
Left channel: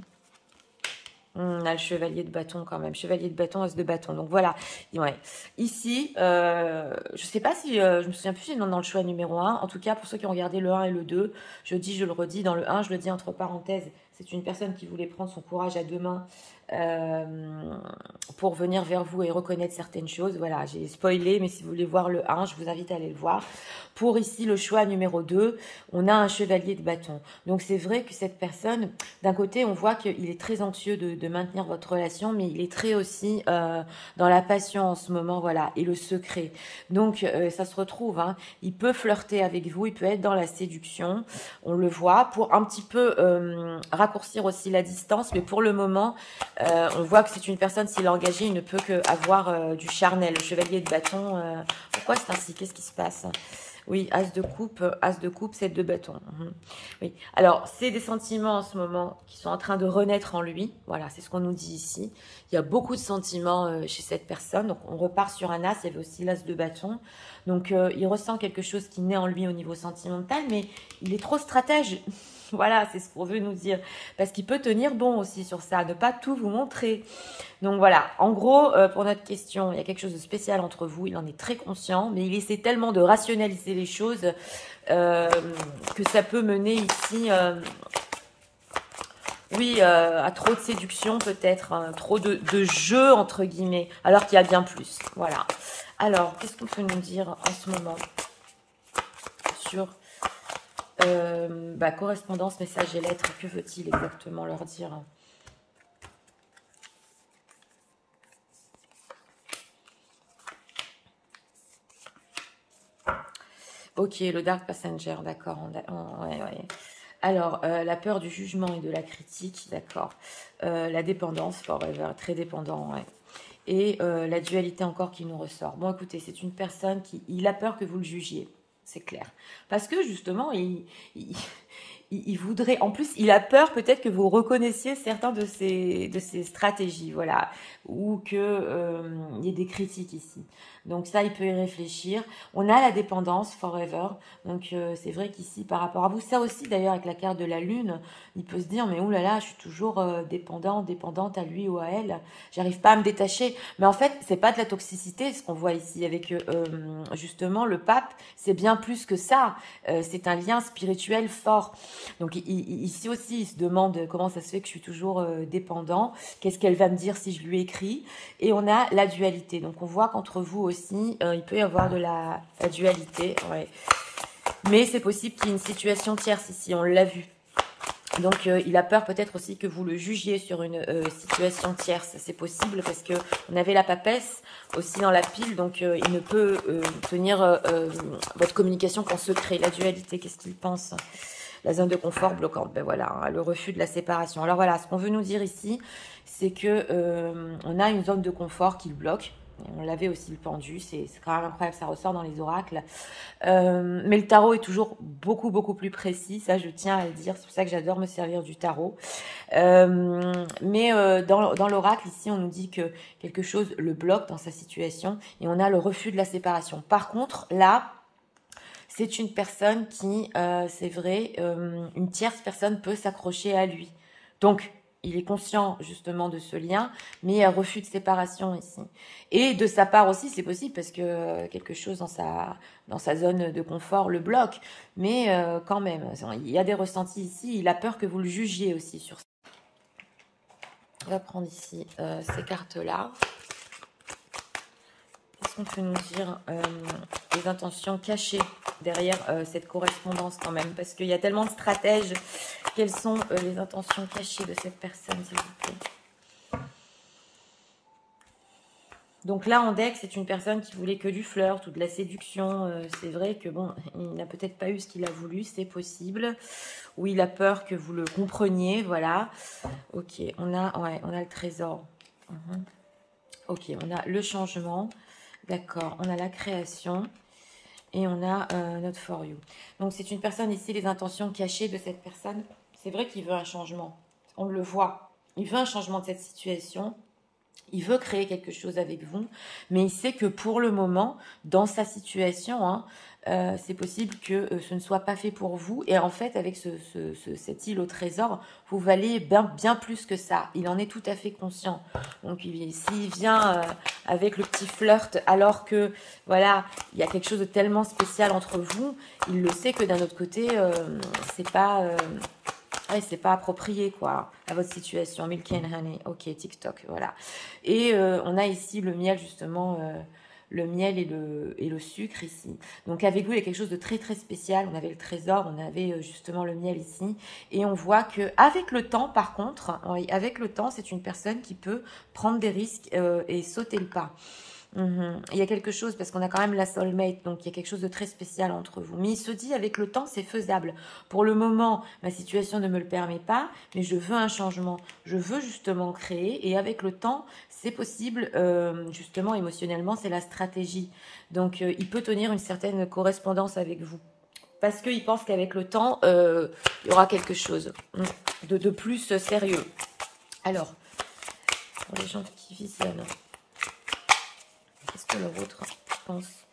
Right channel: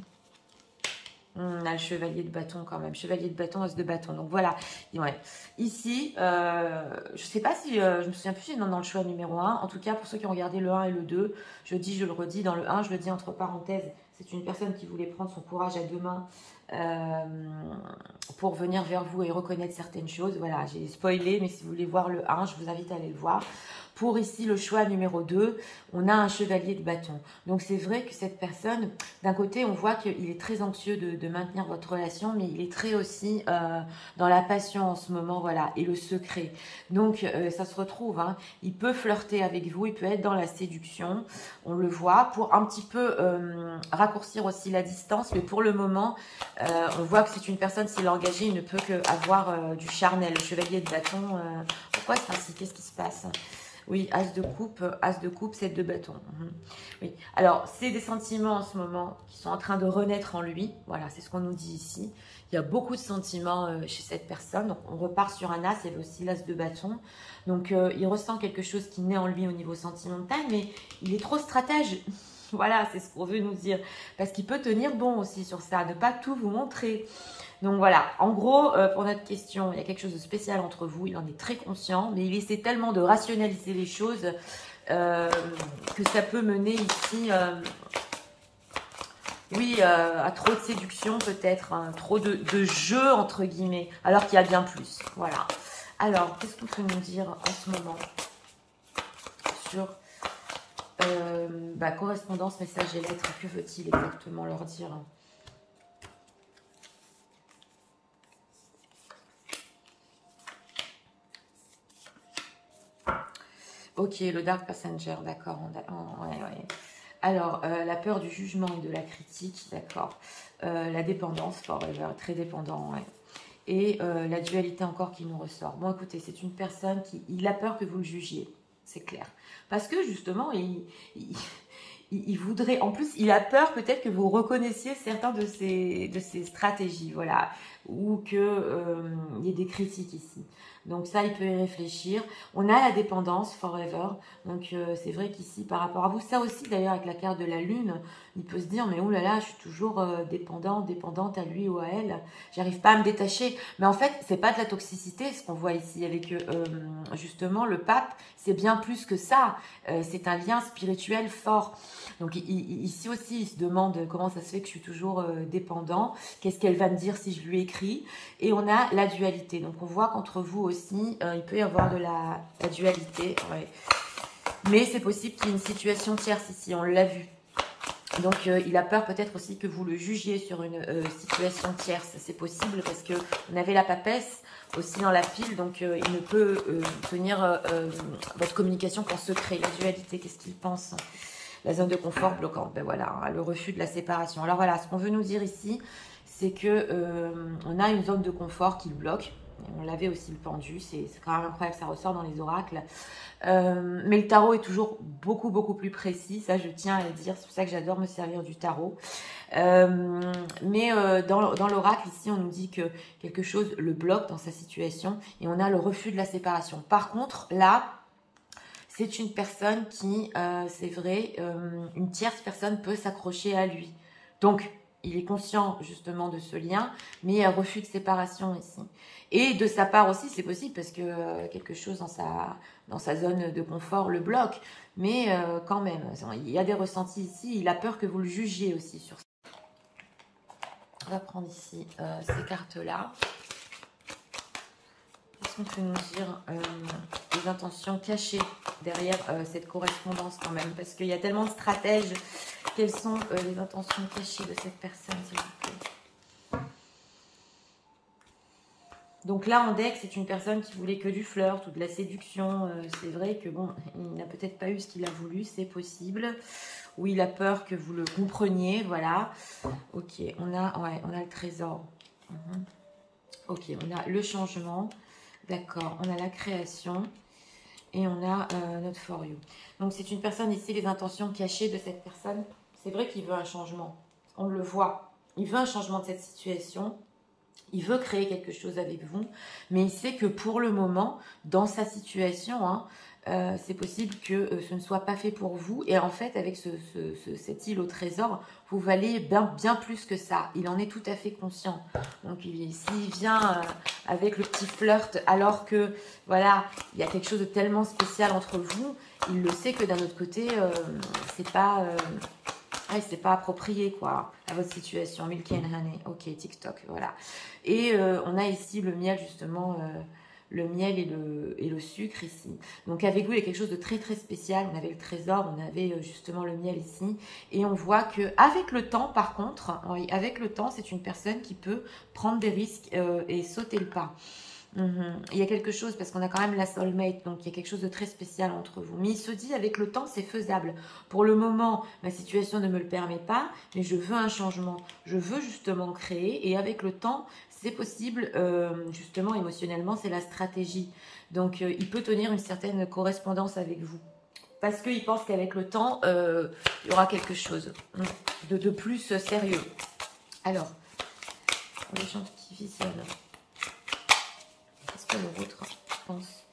On a le chevalier de bâton quand même. Chevalier de bâton, as de bâton. Donc voilà. Ouais. Ici, je ne sais pas si... je me souviens plus si dans le choix numéro 1. En tout cas, pour ceux qui ont regardé le 1 et le 2, je le redis. Dans le 1, je le dis entre parenthèses. C'est une personne qui voulait prendre son courage à deux mains pour venir vers vous et reconnaître certaines choses. Voilà, j'ai spoilé, mais si vous voulez voir le 1, je vous invite à aller le voir. Pour ici, le choix numéro 2, on a un chevalier de bâton. Donc, c'est vrai que cette personne, d'un côté, on voit qu'il est très anxieux de maintenir votre relation, mais il est très aussi dans la passion en ce moment, voilà, et le secret. Donc, ça se retrouve, hein, il peut flirter avec vous, il peut être dans la séduction, on le voit, pour un petit peu raccourcir aussi la distance, mais pour le moment, on voit que c'est une personne, s'il est engagé, il ne peut qu'avoir du charnel. Le chevalier de bâton, pourquoi c'est ainsi? Qu'est-ce qui se passe? Oui, as de coupe, 7 de bâton. Oui. Alors, c'est des sentiments en ce moment qui sont en train de renaître en lui. Voilà, c'est ce qu'on nous dit ici. Il y a beaucoup de sentiments chez cette personne. Donc, on repart sur un as, il y avait aussi l'as de bâton. Donc, il ressent quelque chose qui naît en lui au niveau sentimental, mais il est trop stratège. Voilà, c'est ce qu'on veut nous dire. Parce qu'il peut tenir bon aussi sur ça, ne pas tout vous montrer. Donc voilà, en gros, pour notre question, il y a quelque chose de spécial entre vous. Il en est très conscient, mais il essaie tellement de rationaliser les choses que ça peut mener ici, oui, à trop de séduction peut-être, hein, trop de jeu entre guillemets, alors qu'il y a bien plus. Voilà. Alors, qu'est-ce qu'on peut nous dire en ce moment sur... correspondance, message et lettres, que veut-il exactement leur dire? Ok, le Dark Passenger, d'accord. Ouais, ouais. Alors, la peur du jugement et de la critique, d'accord. La dépendance, forever, très dépendant, ouais. Et la dualité encore qui nous ressort. Bon, écoutez, c'est une personne il a peur que vous le jugiez, c'est clair. Parce que justement, il voudrait, en plus, il a peur peut-être que vous reconnaissiez certains de ses stratégies, voilà, ou qu'il y ait des critiques ici. Donc ça, il peut y réfléchir. On a la dépendance, forever. Donc c'est vrai qu'ici, par rapport à vous, ça aussi d'ailleurs avec la carte de la lune, il peut se dire, mais oulala, je suis toujours dépendante à lui ou à elle. J'arrive pas à me détacher. Mais en fait, c'est pas de la toxicité, ce qu'on voit ici avec justement le pape. C'est bien plus que ça. C'est un lien spirituel fort. Donc ici aussi, il se demande comment ça se fait que je suis toujours dépendant. Qu'est-ce qu'elle va me dire si je lui écris? Et on a la dualité. Donc on voit qu'entre vous aussi, il peut y avoir de la dualité. Ouais. Mais c'est possible qu'il y ait une situation tierce ici, on l'a vu. Donc il a peur peut-être aussi que vous le jugiez sur une situation tierce. C'est possible parce que on avait la papesse aussi dans la pile, donc il ne peut tenir votre communication qu'en secret. La dualité, qu'est-ce qu'il pense? La zone de confort bloquante, ben voilà, hein, le refus de la séparation. Alors voilà, ce qu'on veut nous dire ici, c'est que on a une zone de confort qui le bloque. Et on l'avait aussi le pendu, c'est quand même incroyable, ça ressort dans les oracles. Mais le tarot est toujours beaucoup, beaucoup plus précis, ça je tiens à le dire, c'est pour ça que j'adore me servir du tarot. Mais dans l'oracle, ici, on nous dit que quelque chose le bloque dans sa situation et on a le refus de la séparation. Par contre, là, c'est une personne qui, c'est vrai, une tierce personne peut s'accrocher à lui. Donc, il est conscient justement de ce lien, mais il y a refus de séparation ici. Et de sa part aussi, c'est possible parce que quelque chose dans sa zone de confort le bloque. Mais quand même, il y a des ressentis ici. Il a peur que vous le jugiez aussi sur ça. On va prendre ici ces cartes-là. Qu'est-ce qu'on peut nous dire les intentions cachées derrière cette correspondance quand même? Parce qu'il y a tellement de stratèges. Quelles sont les intentions cachées de cette personne, s'il vous plaît? Donc là, en deck, c'est une personne qui voulait que du flirt ou de la séduction. C'est vrai que bon, il n'a peut-être pas eu ce qu'il a voulu, c'est possible. Ou il a peur que vous le compreniez, voilà. Ok, on a le trésor. Ok, on a le changement. D'accord, on a la création. Et on a notre for you. Donc c'est une personne ici, les intentions cachées de cette personne. C'est vrai qu'il veut un changement. On le voit. Il veut un changement de cette situation. Il veut créer quelque chose avec vous, mais il sait que pour le moment, dans sa situation, hein, c'est possible que ce ne soit pas fait pour vous. Et en fait, avec cette île au trésor, vous valez bien plus que ça. Il en est tout à fait conscient. Donc, s'il vient avec le petit flirt, alors que, voilà, il y a quelque chose de tellement spécial entre vous, il le sait que d'un autre côté, c'est pas... ouais, c'est pas approprié, quoi, à votre situation. Milk and honey. Ok, TikTok, voilà. Et on a ici le miel, justement, le miel et le sucre ici. Donc, avec vous, il y a quelque chose de très, très spécial. On avait le trésor, on avait justement le miel ici. Et on voit que avec le temps, par contre, oui, avec le temps, c'est une personne qui peut prendre des risques et sauter le pas. Il y a quelque chose, parce qu'on a quand même la soulmate, donc il y a quelque chose de très spécial entre vous. Mais il se dit, avec le temps, c'est faisable. Pour le moment, ma situation ne me le permet pas, mais je veux un changement. Je veux justement créer, et avec le temps, c'est possible, justement, émotionnellement, c'est la stratégie. Donc, il peut tenir une certaine correspondance avec vous. Parce qu'il pense qu'avec le temps, il y aura quelque chose de plus sérieux. Alors, pour les gens qui visionnent, qu'est-ce que leur autre pense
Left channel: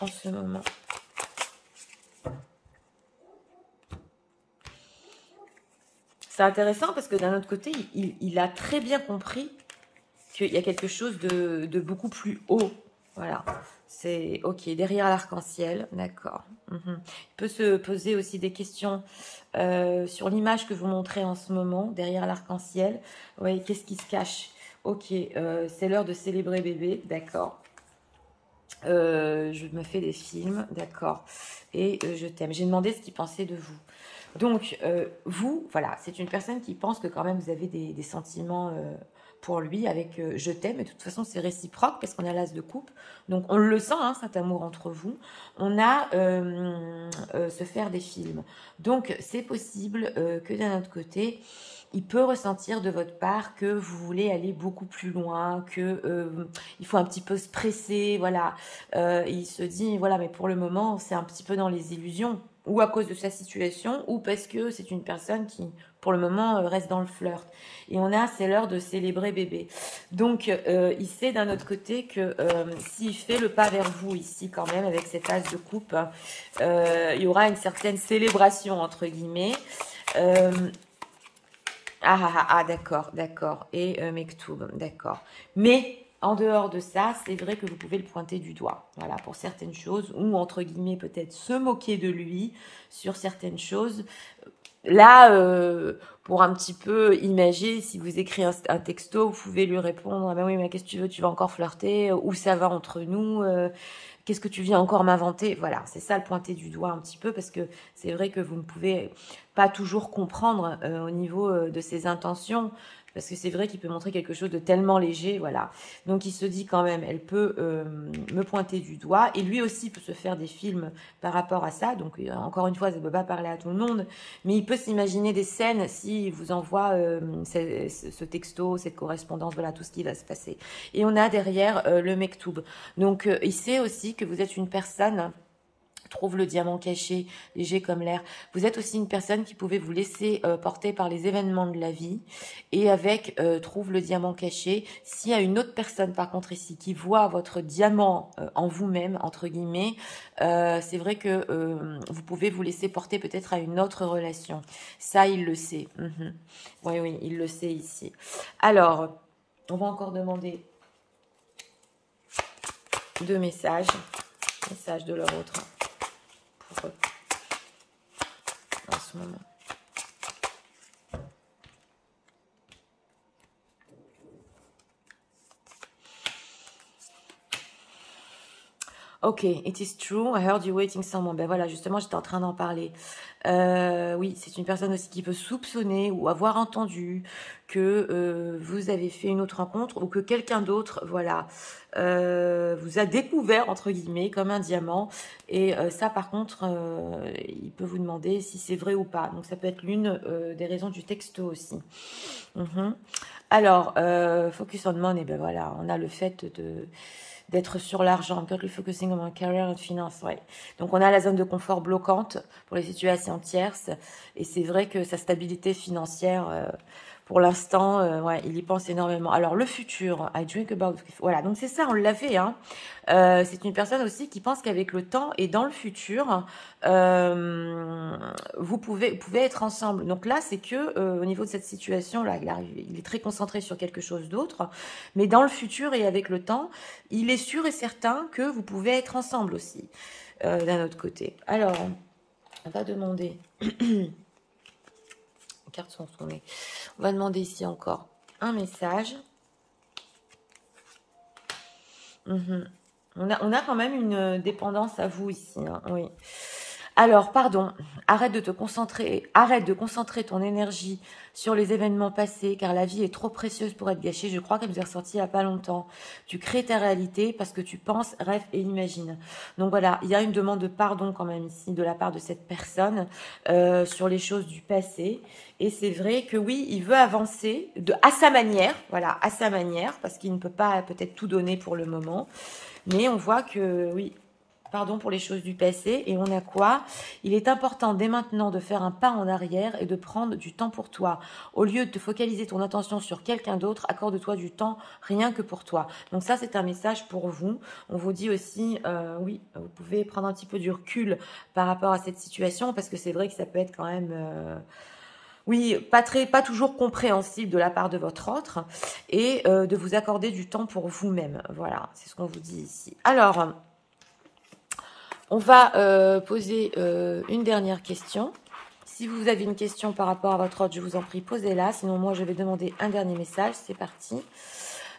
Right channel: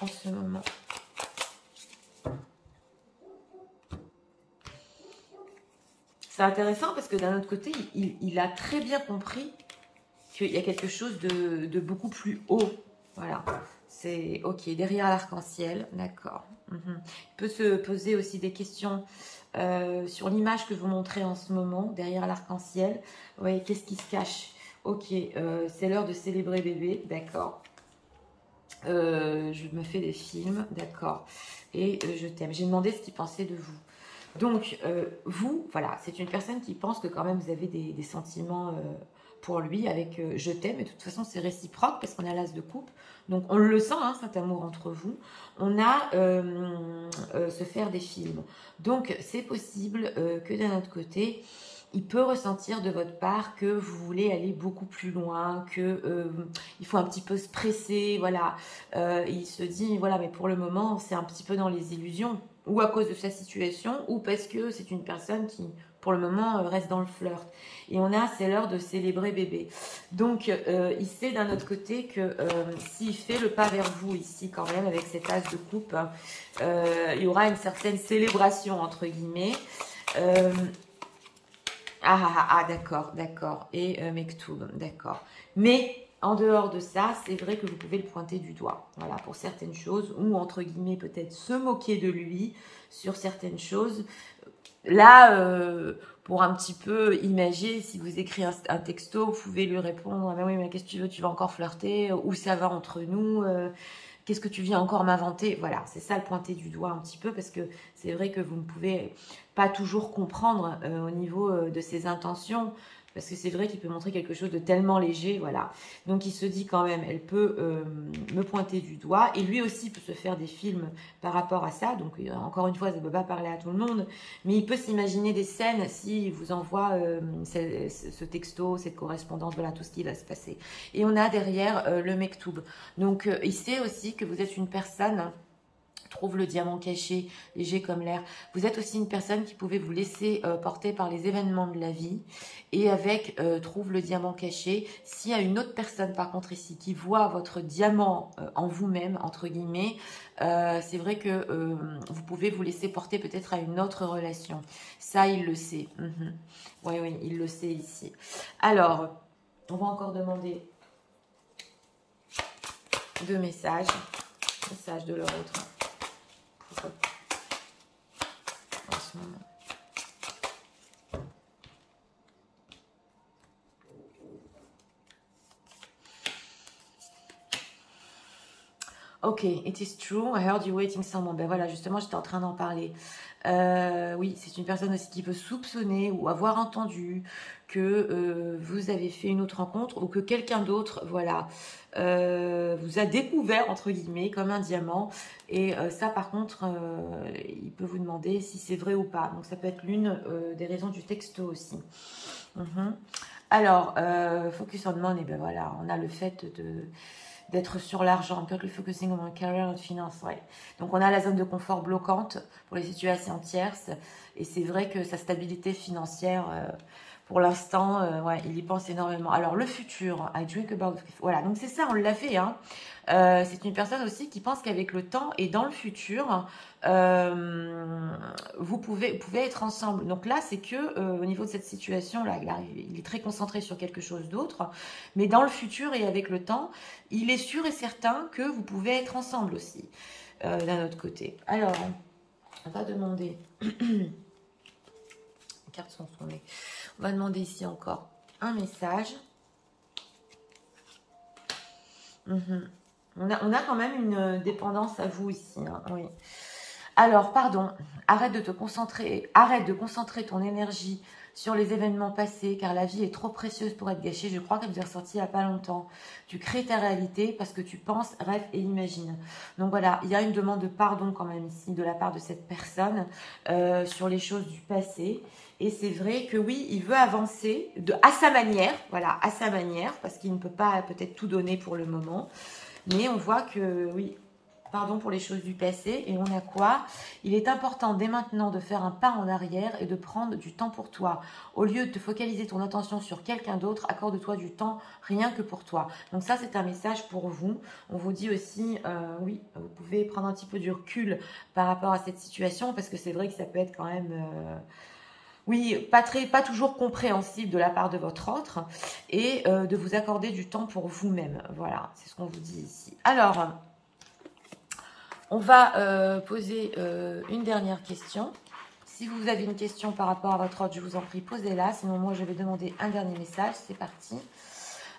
en ce moment? C'est intéressant parce que d'un autre côté, il a très bien compris qu'il y a quelque chose de beaucoup plus haut. Voilà. C'est ok, derrière l'arc-en-ciel, d'accord. Il peut se poser aussi des questions sur l'image que vous montrez en ce moment, derrière l'arc-en-ciel. Oui, qu'est-ce qui se cache? Ok, c'est l'heure de célébrer bébé, d'accord. Je me fais des films, d'accord. Et je t'aime. J'ai demandé ce qu'il pensait de vous. Donc, vous, voilà, c'est une personne qui pense que quand même vous avez des sentiments pour lui avec je t'aime. Et de toute façon, c'est réciproque parce qu'on a l'as de coupe. Donc, on le sent, hein, cet amour entre vous. On a se faire des films. Donc, c'est possible que d'un autre côté, il peut ressentir de votre part que vous voulez aller beaucoup plus loin, que il faut un petit peu se presser, voilà. Il se dit, voilà, mais pour le moment, c'est un petit peu dans les illusions, ou à cause de sa situation, ou parce que c'est une personne qui, pour le moment, reste dans le flirt. Et on a, c'est l'heure de célébrer bébé. Donc, il sait d'un autre côté que s'il fait le pas vers vous ici, quand même, avec cet as de coupe, il y aura une certaine célébration, entre guillemets. D'accord, d'accord. Et Mektoub, d'accord. Mais en dehors de ça, c'est vrai que vous pouvez le pointer du doigt. Voilà, pour certaines choses, ou entre guillemets, peut-être se moquer de lui sur certaines choses. Là, pour un petit peu imager, si vous écrivez un texto, vous pouvez lui répondre, ah ben oui, mais qu'est-ce que tu veux, tu vas encore flirter, où ça va entre nous, qu'est-ce que tu viens encore m'inventer? Voilà, c'est ça le pointer du doigt un petit peu, parce que c'est vrai que vous ne pouvez pas toujours comprendre au niveau de ses intentions, parce que c'est vrai qu'il peut montrer quelque chose de tellement léger, voilà. Donc il se dit quand même, elle peut me pointer du doigt, et lui aussi peut se faire des films par rapport à ça. Donc encore une fois, ça ne peut pas parler à tout le monde, mais il peut s'imaginer des scènes s'il vous envoie ce texto, cette correspondance, voilà tout ce qui va se passer. Et on a derrière le Mektoub. Donc il sait aussi que vous êtes une personne, trouve le diamant caché, léger comme l'air. Vous êtes aussi une personne qui pouvait vous laisser porter par les événements de la vie. Et avec trouve le diamant caché, s'il y a une autre personne par contre ici qui voit votre diamant en vous-même, entre guillemets, c'est vrai que vous pouvez vous laisser porter peut-être à une autre relation. Ça, il le sait. Oui, oui, il le sait ici. Alors, on va encore demander 2 messages. Messages de leur autre. En ce moment. Ok, it is true. I heard you waiting someone. Ben voilà, justement, j'étais en train d'en parler. Oui, c'est une personne aussi qui peut soupçonner ou avoir entendu que vous avez fait une autre rencontre ou que quelqu'un d'autre, voilà, vous a découvert, entre guillemets, comme un diamant. Et ça, par contre, il peut vous demander si c'est vrai ou pas. Donc, ça peut être l'une des raisons du texto aussi. Alors, focus on money, ben voilà, on a le fait d'être sur l'argent, currently focusing on career and finance, ouais. Donc on a la zone de confort bloquante pour les situations tierces, et c'est vrai que sa stabilité financière, pour l'instant, ouais, il y pense énormément. Alors le futur, I drink about, voilà, donc c'est ça, on l'a fait, hein. C'est une personne aussi qui pense qu'avec le temps et dans le futur, vous pouvez être ensemble. Donc là, c'est que au niveau de cette situation-là, il est très concentré sur quelque chose d'autre, mais dans le futur et avec le temps, il est sûr et certain que vous pouvez être ensemble aussi, d'un autre côté. Alors, on va demander... Les cartes sont tournées. On va demander ici encore un message. On a quand même une dépendance à vous ici, hein, oui. Alors, pardon, arrête de concentrer ton énergie sur les événements passés, car la vie est trop précieuse pour être gâchée. Je crois qu'elle vous est ressortie il n'y a pas longtemps. Tu crées ta réalité parce que tu penses, rêves et imagines. Donc voilà, il y a une demande de pardon quand même ici de la part de cette personne sur les choses du passé. Et c'est vrai que oui, il veut avancer à sa manière, voilà, à sa manière, parce qu'il ne peut pas peut-être tout donner pour le moment. Mais on voit que oui, pardon pour les choses du passé. Et on a quoi? Il est important dès maintenant de faire un pas en arrière et de prendre du temps pour toi. Au lieu de te focaliser ton attention sur quelqu'un d'autre, accorde-toi du temps rien que pour toi. Donc ça, c'est un message pour vous. On vous dit aussi, oui, vous pouvez prendre un petit peu du recul par rapport à cette situation, parce que c'est vrai que ça peut être quand même... oui, pas toujours compréhensible de la part de votre autre, et de vous accorder du temps pour vous-même. Voilà, c'est ce qu'on vous dit ici. Alors, on va poser une dernière question. Si vous avez une question par rapport à votre autre, je vous en prie, posez-la. Sinon, moi, je vais demander un dernier message. C'est parti.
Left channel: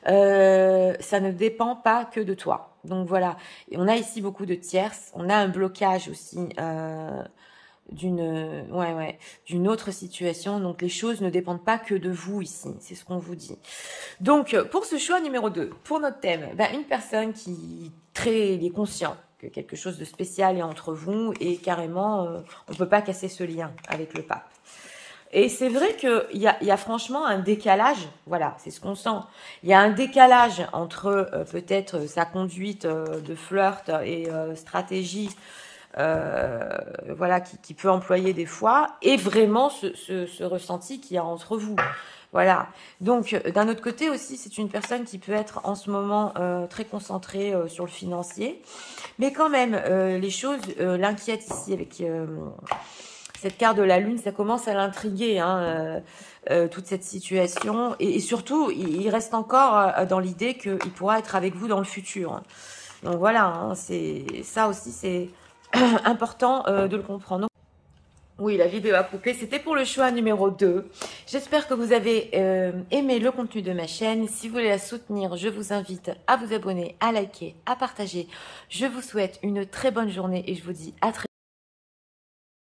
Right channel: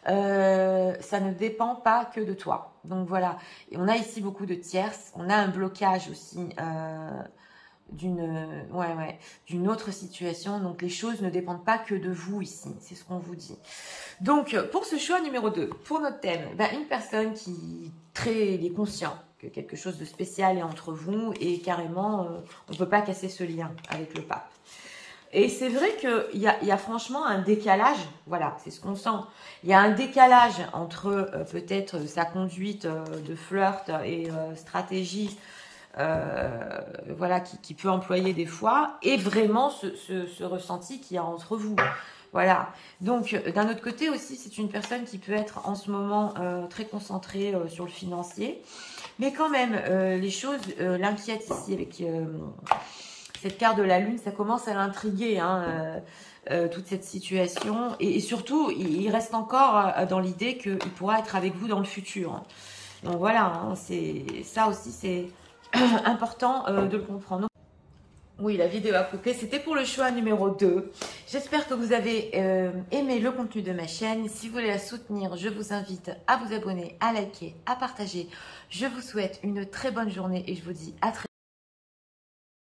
Ça ne dépend pas que de toi. Donc, voilà. Et on a ici beaucoup de tierces. On a un blocage aussi d'une autre situation. Donc, les choses ne dépendent pas que de vous ici. C'est ce qu'on vous dit. Donc, pour ce choix numéro 2, pour notre thème, une personne qui il est conscient que quelque chose de spécial est entre vous et carrément, on ne peut pas casser ce lien avec le pape. Et c'est vrai qu'il y a franchement un décalage, voilà, c'est ce qu'on sent. Il y a un décalage entre peut-être sa conduite de flirt et stratégie, voilà, qui peut employer des fois, et vraiment ce ressenti qu'il y a entre vous. Voilà. Donc, d'un autre côté aussi, c'est une personne qui peut être en ce moment très concentrée sur le financier. Mais quand même, les choses l'inquiètent ici avec cette carte de la Lune. Ça commence à l'intriguer, hein, toute cette situation. Et surtout, il reste encore dans l'idée qu'il pourra être avec vous dans le futur. Donc voilà, hein, ça aussi, c'est important de le comprendre. Oui, la vidéo a coupé. C'était pour le choix numéro 2. J'espère que vous avez aimé le contenu de ma chaîne. Si vous voulez la soutenir, je vous invite à vous abonner, à liker, à partager. Je vous souhaite une très bonne journée et je vous dis à très bientôt.